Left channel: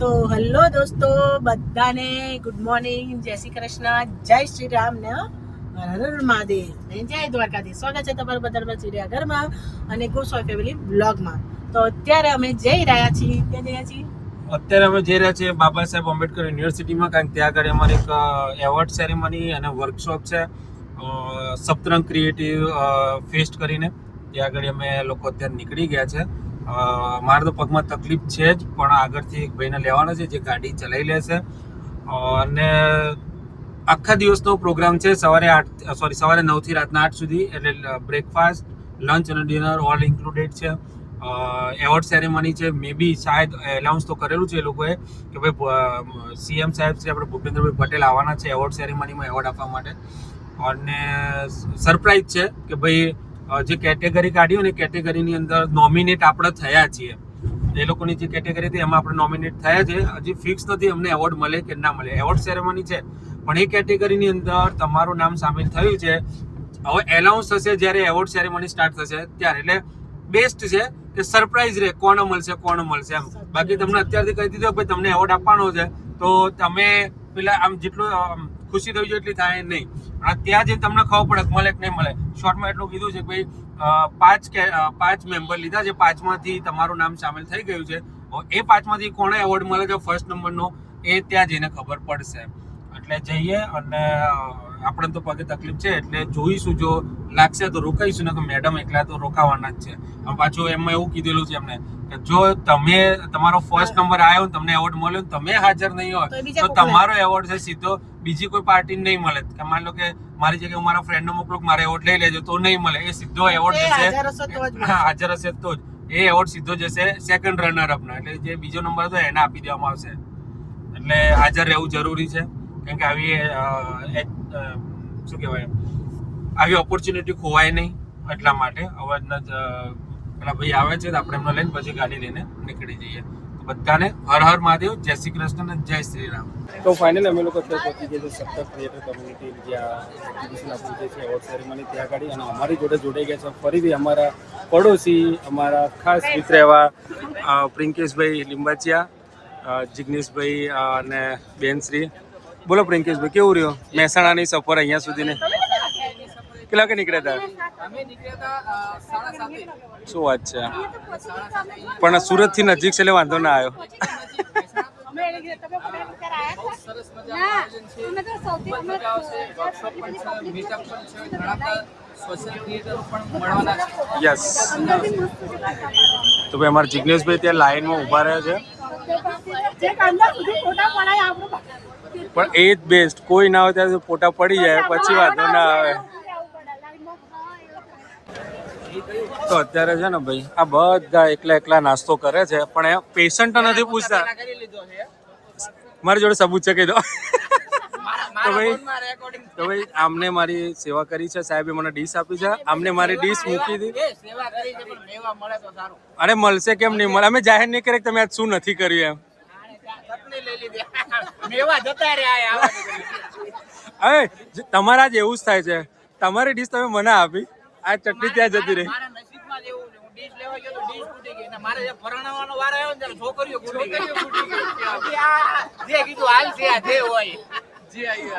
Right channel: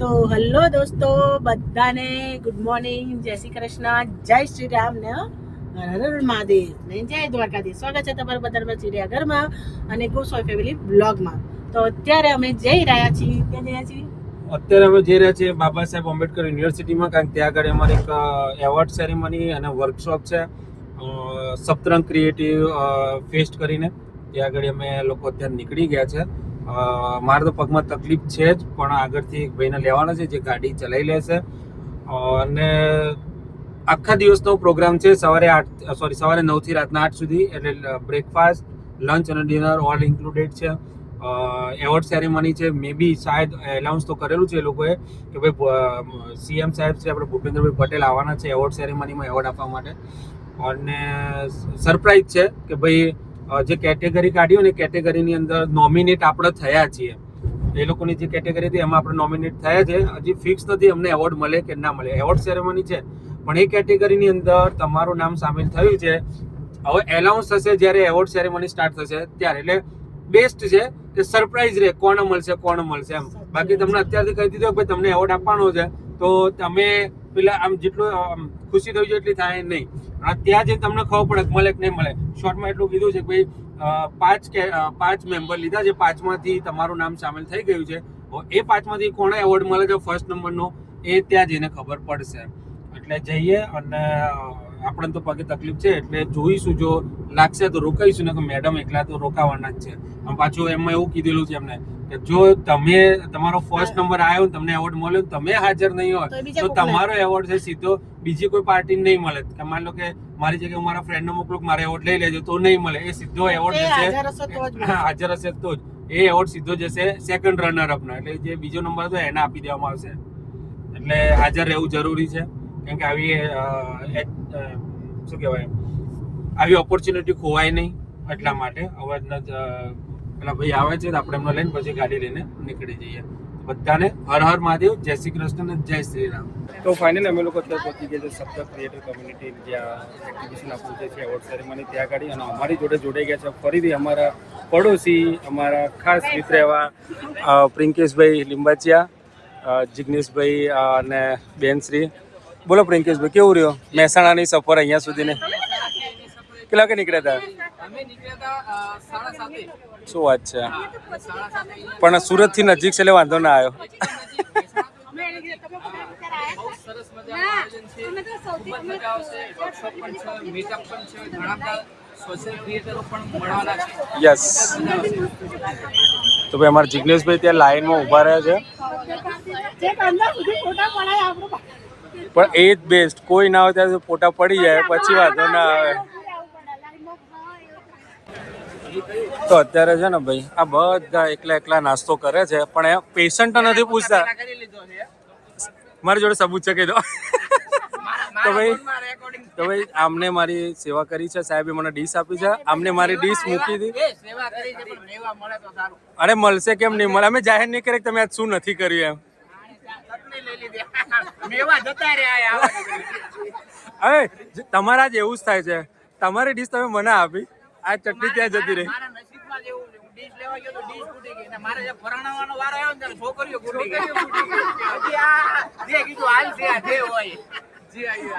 તો હેલો દોસ્તો, બધાને ગુડ મોર્નિંગ, જય શ્રી કૃષ્ણ, જય શ્રી રામ ને હર હર મહાદેવ ને જય દ્વારકાધીશ. સ્વાગત છે તમારું બધાના ચિડિયાઘરમાં અને ગોસ્વામી ફેમિલી બ્લોગમાં. તો અત્યારે અમે જઈ રહ્યા છીએ. ક્યાં જઈએ છીએ? અત્યારે અમે જઈ રહ્યા છીએ બાબા સાહેબ આંબેડકર યુનિવર્સિટીમાં, કારણ કે ત્યાં આગળ અમારે એક એવોર્ડ સેરેમની અને વર્કશોપ છે, સપ્તરંગ ક્રિએટિવ ફેસ્ટ કરીને. ત્યાં આગળ અમે લોકો અત્યારે નીકળી ગયા છે. મારે તો પગમાં તકલીફ છે જ, પણ આગળથી એક ભાઈને લેવાના છે જે ગાડી ચલાવી લેશે. અને આખા દિવસનો પ્રોગ્રામ છે, સવારે 9 થી રાતના 8 સુધી. એટલે બ્રેકફાસ્ટ, લંચ અને ડિનર ઓલ ઇન્ક્લુડેડ છે. એવોર્ડ સેરેમની છે. મે બી શાયદ એનાઉન્સ તો કરેલું છે એ લોકોએ કે ભાઈ સીએમ સાહેબ છે આપણે ભૂપેન્દ્રભાઈ પટેલ આવવાના છે એવોર્ડ સેરેમનીમાં એવોર્ડ આપવા માટે. અને સરપ્રાઈઝ છે કે ભાઈ જે કેટેગરી કાઢી હોય ને કેટેગરીની અંદર નોમિનેટ આપણે થયા છીએ. એ લોકોની જે કેટેગરી હતી એમાં આપણે નોમિનેટ થયા છે. હજી ફિક્સ નથી અમને એવોર્ડ મળે કે ના મળે. એવોર્ડ સેરેમની છે પણ એ કેટેગરીની અંદર તમારું નામ સામેલ થયું છે. હવે એનાઉન્સ થશે જ્યારે એવોર્ડ સેરેમની સ્ટાર્ટ થશે ત્યારે. એટલે બેસ્ટ છે કે સરપ્રાઈઝ રહે કોણ મળશે એમ. બાકી તમને અત્યારથી કહી દીધું ભાઈ તમને એવોર્ડ આપવાનો છે તો તમે પેલા આમ જેટલું ખુશી થઈ જાય એટલી થાય નહીં. પણ ત્યાં જે તમને ખબર પડે મળે કે નહીં મળે. શોર્ટમાં એટલું કીધું છે કે ભાઈ 5 મેમ્બર લીધા છે, 5માંથી તમારું નામ સામેલ થઈ ગયું છે. એ 5માંથી કોને એવોર્ડ મળે છે ફર્સ્ટ નંબરનો એ ત્યાં જઈને ખબર પડશે. એટલે જઈએ અને આપણે તો પગે તકલીફ છે એટલે જોઈશું, જો લાગશે તો રોકાઈશું, ને તો મેડમ એકલા તો રોકાવાના જ છે. પાછું એમાં એવું કીધેલું છે એમને કે જો તમે તમારો ફર્સ્ટ નંબર આવ્યો ને તમને એવોર્ડ મળ્યો ને તમે હાજર નહીં હોય તો તમારો એવોર્ડ છે સીધો બીજી કોઈ પાર્ટી નહીં મળે. કે માની લો કે મારી જગ્યાએ હું મારા ફ્રેન્ડને મોકલું મારે એવોર્ડ લઈ લેજો તો નહીં મળે. એ સીધો એવોર્ડ જશે, હાજર હશે તો જ એ એવોર્ડ સીધો જશે સેકન્ડ રનર અપને. એટલે જે બીજો નંબર હતો એને આપી દેવામાં આવશે. એટલે હાજર રહેવું જરૂરી છે, કેમ કે આવી શું કહેવાય આવી ઓપોર્ચ્યુનિટી ખોવાય નહીં. એટલા માટે અવાજના પેલા ભાઈ આવે છે આપણે એમને લઈને પછી ગાડી લઈને નીકળી જઈએ. બધાને હર હર મહાદેવ, જય શ્રી કૃષ્ણ અને જય શ્રી રામ. તો ફાઇનલી અમે લોકો અત્યારે પહોંચી ગયા છે સપ્તર ક્રિએટર કમ્યુનિટી જ્યાં એક્ઝિબિશન આપણું જે છે એવોર્ડ સેરેમની ત્યાં ગાડી. અને અમારી જોડે જોડાઈ ગયા છે ફરીથી અમારા પડોશી, અમારા ખાસ મિત્ર એવા પ્રિંકેશભાઈ લીંબાચિયા, જિગ્નેશભાઈ અને બેનશ્રી. બોલો પ્રિંકેશભાઈ, કેવું રહ્યો મહેસાણાની સફર અહીંયા સુધીને? કેટલા વાગે નીકળ્યા હતા? શું વાત છે, પણ સુરત થી નજીક છે એટલે વાંધો ના આવ્યો. યસ, તો ભાઈ અમારા જિગ્નેશભાઈ ત્યાં લાઈનમાં ઊભા રહ્યા છે. પણ એ જ બેસ્ટ, કોઈ ના હોય ત્યારે ફોટા પડી જાય પછી વાંધો ના આવે. તો અત્યારે છે ને ભાઈ આ બધા એકલા નાસ્તો કરે છે, પણ એ પેશન્ટ નથી પૂછતા. મારી જોડે સબૂત છે કહી દો. તો ભાઈ આમને મારી સેવા કરી છે, સાહેબે મને ડીશ આપી છે, આમને મારી ડીશ મૂકી હતી. અરે મળશે કેમ નહીં મળે, અમે જાહેર નહીં કરીએ તમે આજ શું નથી કર્યું એમ. હવે તમારા જ એવું જ થાય છે, તમારી ડીશ તમે મને આપી, આ ચટણી ત્યાં જતી રહી.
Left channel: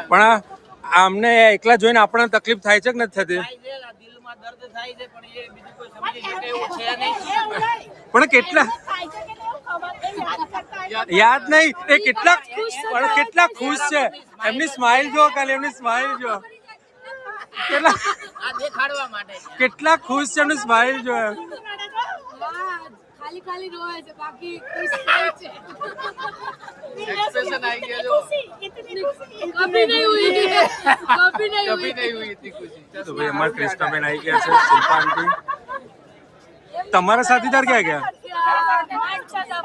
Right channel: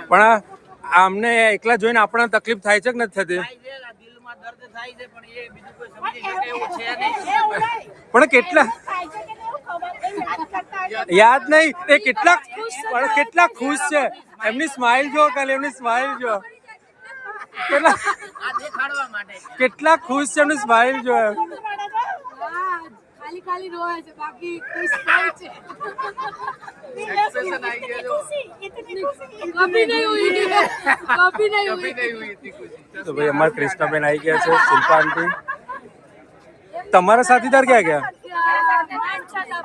પણ આમને એકલા જોઈને આપણને તકલીફ થાય છે કે નથી થતી? પણ કેટલા યાદ નહીં એ કેટલા ખુશ છે. એમની સ્માઇલ જો, ખાલી એમની સ્માઇલ જો, કેટલા ખુશ છે. એમની સ્માઇલ જો, ખાલી રોવે છે, બાકી ખુશ થાય છે. તો ભાઈ અમારા કૃષ્ણાબેન આવી ગયા છે, શિલ્પા આંટી. તમારા સાથીદાર ક્યાં ગયા?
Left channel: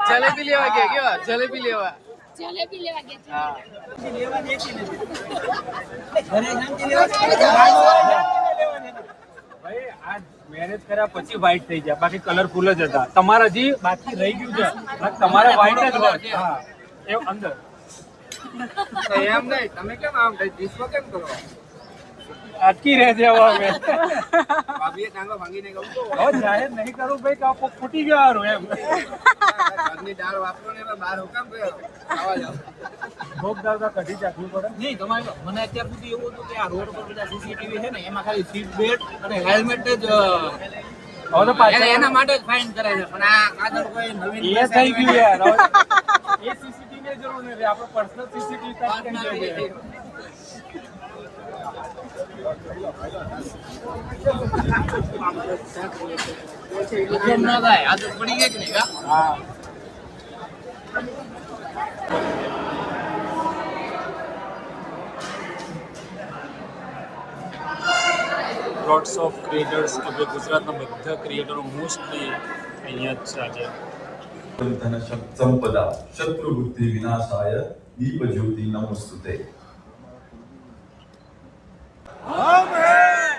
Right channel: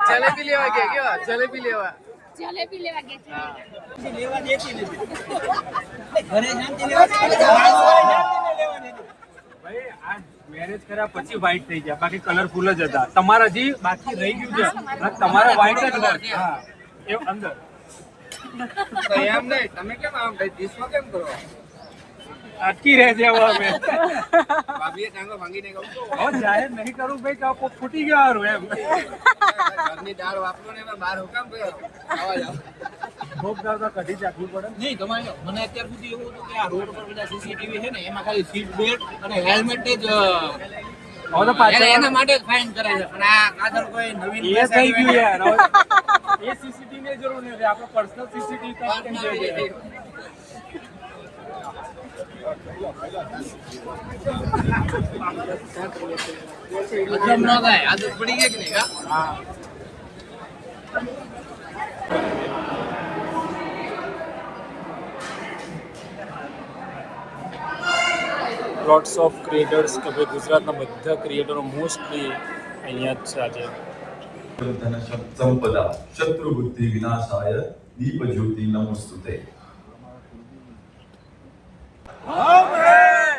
જલેબી લેવા ગયા. જલેબી લેવા ગયા. મેરેજ કર્યા પછી વ્હાઈટ થઈ ગયા, બાકી કલરફુલ જ હતા. તમારા હજી બાકી રહી ગયું છે, તમારે વ્હાઈટ જ હોય. હા એ અંદર એમ નહીં. તમે કેમ આમ ડીશમાં કેમ કરો? અટકી રહે છે હવે અમે ભાભીએ ટાંગો ભાંગીને કહું તો હવે જાહેર નહીં કરું ભાઈ તો આ ફૂટી ગયો હારું એમ ઘરની દાળ વાપરો ને એમાં બહાર હુકામ ગયો આવા જાવ ભોગ દાળ તો કઢી ચાખવી પડે ને. નહીં તમારે મને અત્યાર સુધી એવું હતું કે આ રોડ પર બધા સીસીટીવી છે ને એમાં ખાલી સીટ બેલ્ટ અને હેલ્મેટ જ હવે તો પાછા એના માટે જ ફાઇન કરે છે પણ આ કાદર કોઈ નવીન એ થઈ ગયું યાર હવે એ સીસીટીવી ની જરૂર નથી આપણે પર્સનલ સીસીટીવી કામ કરી દઈએ કેમ ન થાય આદત પડી ગઈ કે નહીં કા? હા લોટ્સ ઓફ ક્રિએટર્સ કે ભાઈ ગુજરાતના બધા ક્રિએટરો મોસ્ટલી અહીંયા જ છે આજે. धन संपदा शत्रु बुद्धि विनाशाय दीप ज्योति नमोस्तुते. हम हैं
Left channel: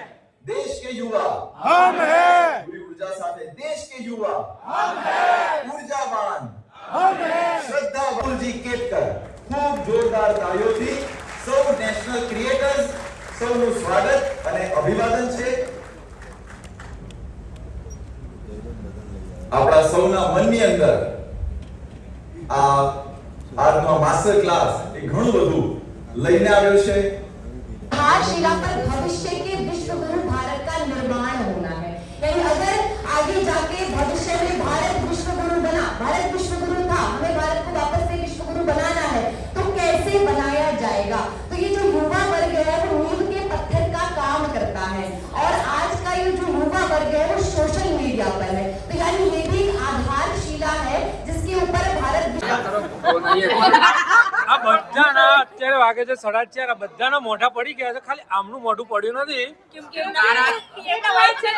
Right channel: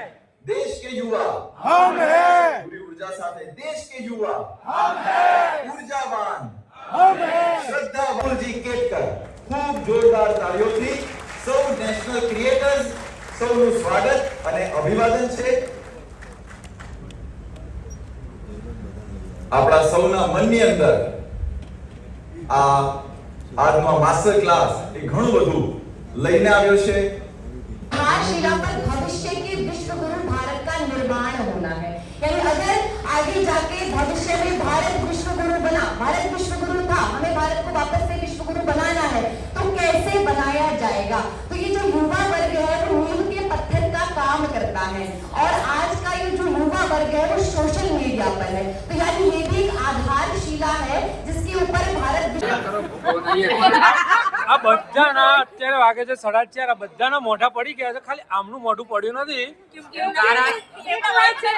देश के युवा, हम हैं पूरी ऊर्जा સાથે देश के युवा, हम हैं ऊर्जावान, हम हैं श्रद्धावान जी केतकर. ખૂબ જોરદાર તાળીઓથી સૌ નેશનલ ક્રિએટર્સ સૌનું સ્વાગત અને અભિવાદન છે. આપણા સૌના મનની અંદર આ આજનો માસ્ટર ક્લાસ એ ઘણું બધું લઈને આવ્યો છે. आधारशिला पर भविष्य के विश्व गुरु भारत का निर्माण होना है. यानी अगर आगे जाके भविष्य में भारत विश्व गुरु बना, भारत विश्व गुरु था, हमें भारत को वापस से विश्व गुरु बनाना है तो कैसे बनाया जाएगा? तो ये जो युवा वर्ग है वो नींव के पत्थर का काम करता है और आज का ये जो युवा वर्ग है वो सोशल मीडिया पर है. तो यानी ये भी एक आधारशिला है जिसके ऊपर भारत આ બધાના અત્યારે વાગે છે 4:30. આ બધાના મોઢા પડી ગયા છે, ખાલી આમનું મોઢું પડ્યું નથી.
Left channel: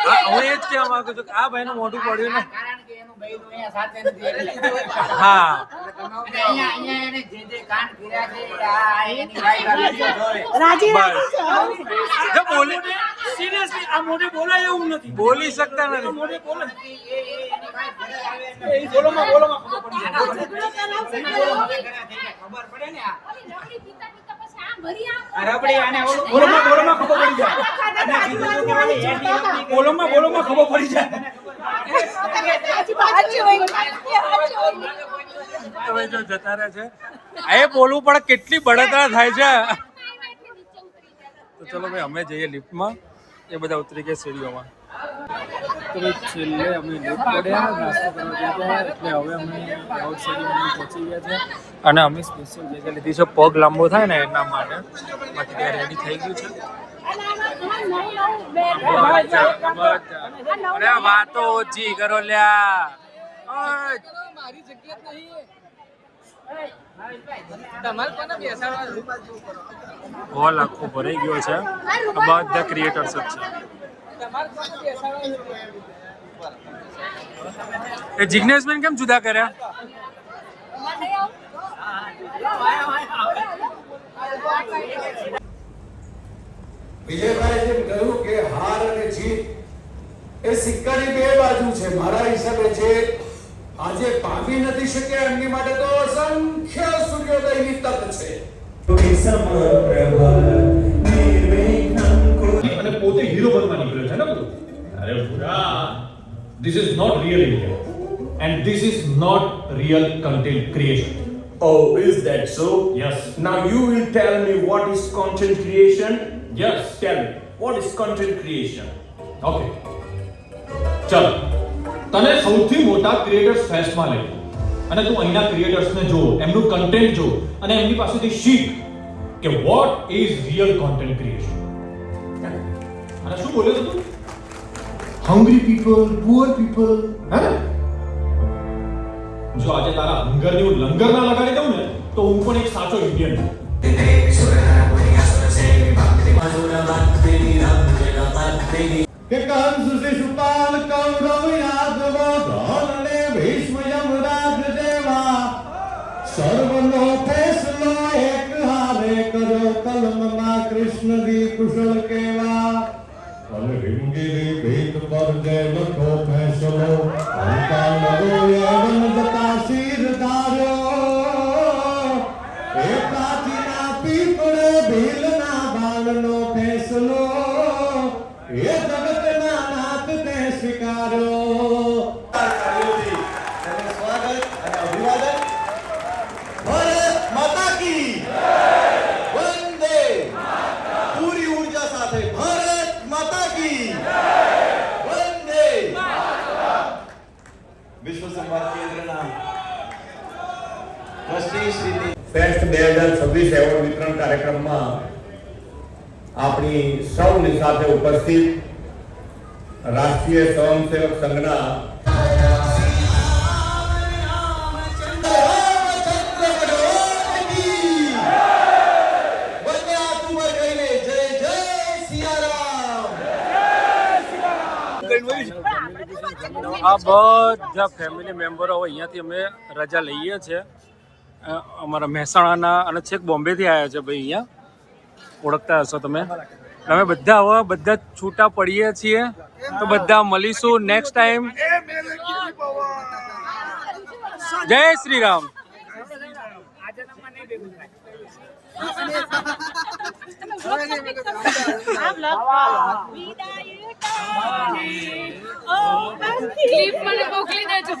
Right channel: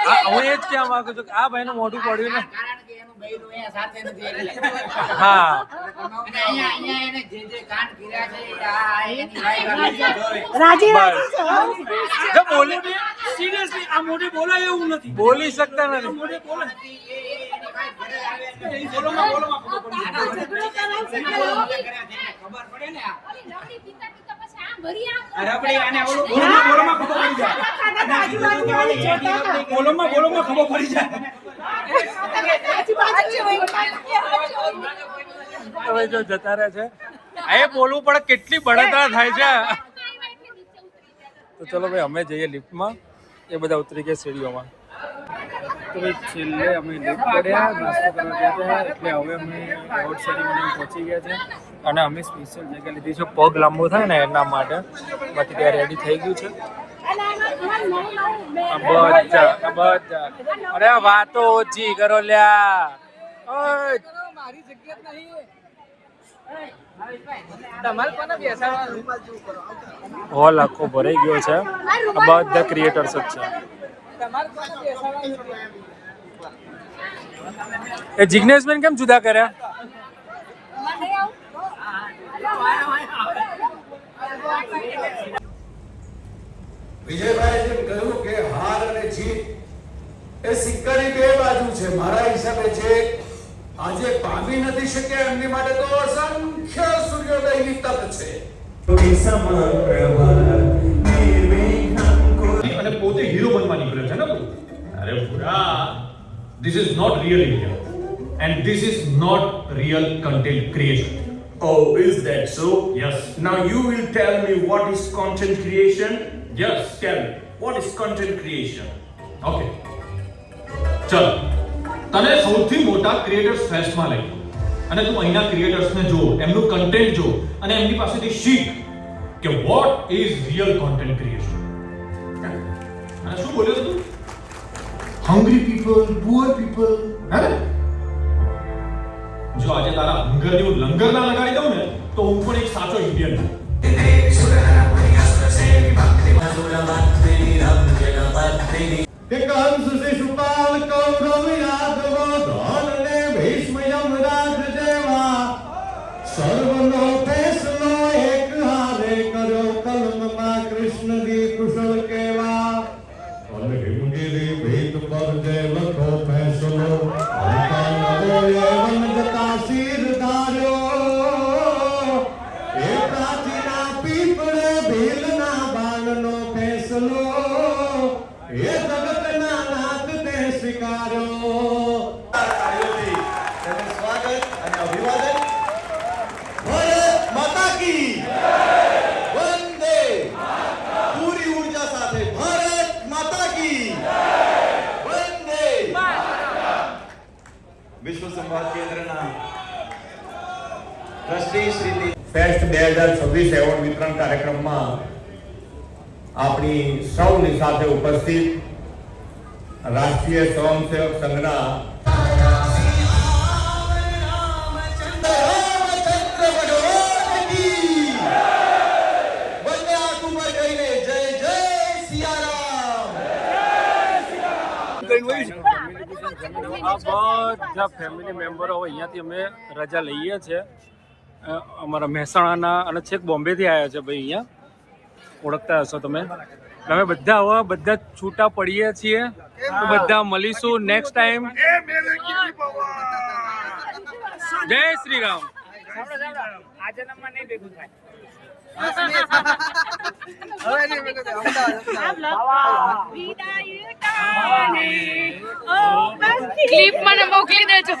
હા હું એ જ કહેવા માંગુ છું કે આ ભાઈનું મોઢું પડ્યું ને. કારણ કે એનું બૈરું અહીંયા સાથે નથી એટલે હા અને અહીંયા એને જે કાંડ કર્યા છે આ એની વાઈફ આવી જોવે બસ જો બોલે સિરિયસલી આ મોઢે બોલાય એવું નથી. બોલી શકતા નથી. મોઢે બોલે એની વાઈફ ઘરે આવે એટલે એ બોલોમાં ખબર પડે ને આ અરે આપણે આને બોલોમાં ખબર પડી જાય. બોલોમાં ખબર પડી જાય. હવે જો જતા રહે છે આ એ બોલવું પડે, કેટલી બળતરા થાય છે. તો ચલો ભાઈ અમે જઈએ લિફ્ટમાં, એ બધા ઉતરી ગયા સીડીઓમાં. તો ભાઈ છેલ્લે અમે લિફ્ટ પડ્યા, નાસ્તો કરવા ગયા હતા એટલે હવે અમે એવોર્ડ સેરેમની પહોંચી ગયા છે અને અમે સ્પેશિયલ જગ્યા લીધી છે પગ લાંબો થાય ને એના માટે. બાકી ત્યાં રેડી થઈ ગયું છે બધા. અરે વાતો ઓછી કરો લ્યા. હોલ આખો ભરાઈ ગયો છે. આ બધા ક્રિએટર્સ જ છે. એ જિગ્નેશબેન કેમ જુદા કર્યા? વિજયભાઈએ જેમ કહ્યું કે હાર અને જીત એ સિક્કાની બે બાજુ છે. મારા હિસાબે જે આજે પામી નથી શક્યા એમની માટે તો અસંખ્ય સૂર્યોદયની તક છે. અને પોતે હીરો બનવા નીકળ્યો છે ને બધું. અરે પૂરા this is not real India and this is not real content creation. Oh, is that so? Yes. Now you will tell me what is content creation? Yes. Tell me, what is content creation? Okay. ચલ તને સૌથી મોટા creators ફેસ્ટમાં લઈ અને તું અહીંના ક્રિએટર્સને જો, એમનું કન્ટેન્ટ જો અને એમની પાસેથી શીખ કે what is real content creation. અને શું બોલ્યો તું? Hungry people, poor people. હે જો આજે તારા હંગરનું લંગર ના લગાડી દઉં ને તો હું પણ એક સાચો ઇન્ડિયન છું. कंस शिशुपाल कौरव यादव धोरणे भीष्म यमराज जेवा सर्वनो फैसलो एक हारे करो कलमમાં કૃષ્ણજી કુશળ કેવા અને હિંગીરી ભીત પર જે લખો ફેસલો અંકા નવો એવન જતા શીર ધાર્યો એ પ્રાચીના પીપળે ભીલના બાળનો ફેસલો की वंदे पूरी ऊर्जा સાથે ભારત માતા की वंदे વિશ્વ સંવાદ કેન્દ્રના ટ્રસ્ટી શ્રી ફેસ્ટ 2026 એવોર્ડ વિતરણ કાર્યક્રમમાં આપણી સૌની સાથે ઉપસ્થિત રાષ્ટ્રીય સ્વયંસેવક સંઘના આ બધા ફેમિલી મેમ્બરો અહીંયાથી અમે રજા લઈએ છીએ અમારા મહેસાણાના અને છેક બોમ્બેથી આવ્યા છે ભાઈ અહીંયા ઓળખતા હશો તમે અમે બધા હવે બધા છૂટા પડીએ છીએ તો બધા મળીશું નેક્સ્ટ ટાઈમ જય શ્રી રામ ક્લિપ મને મોકલી દેજો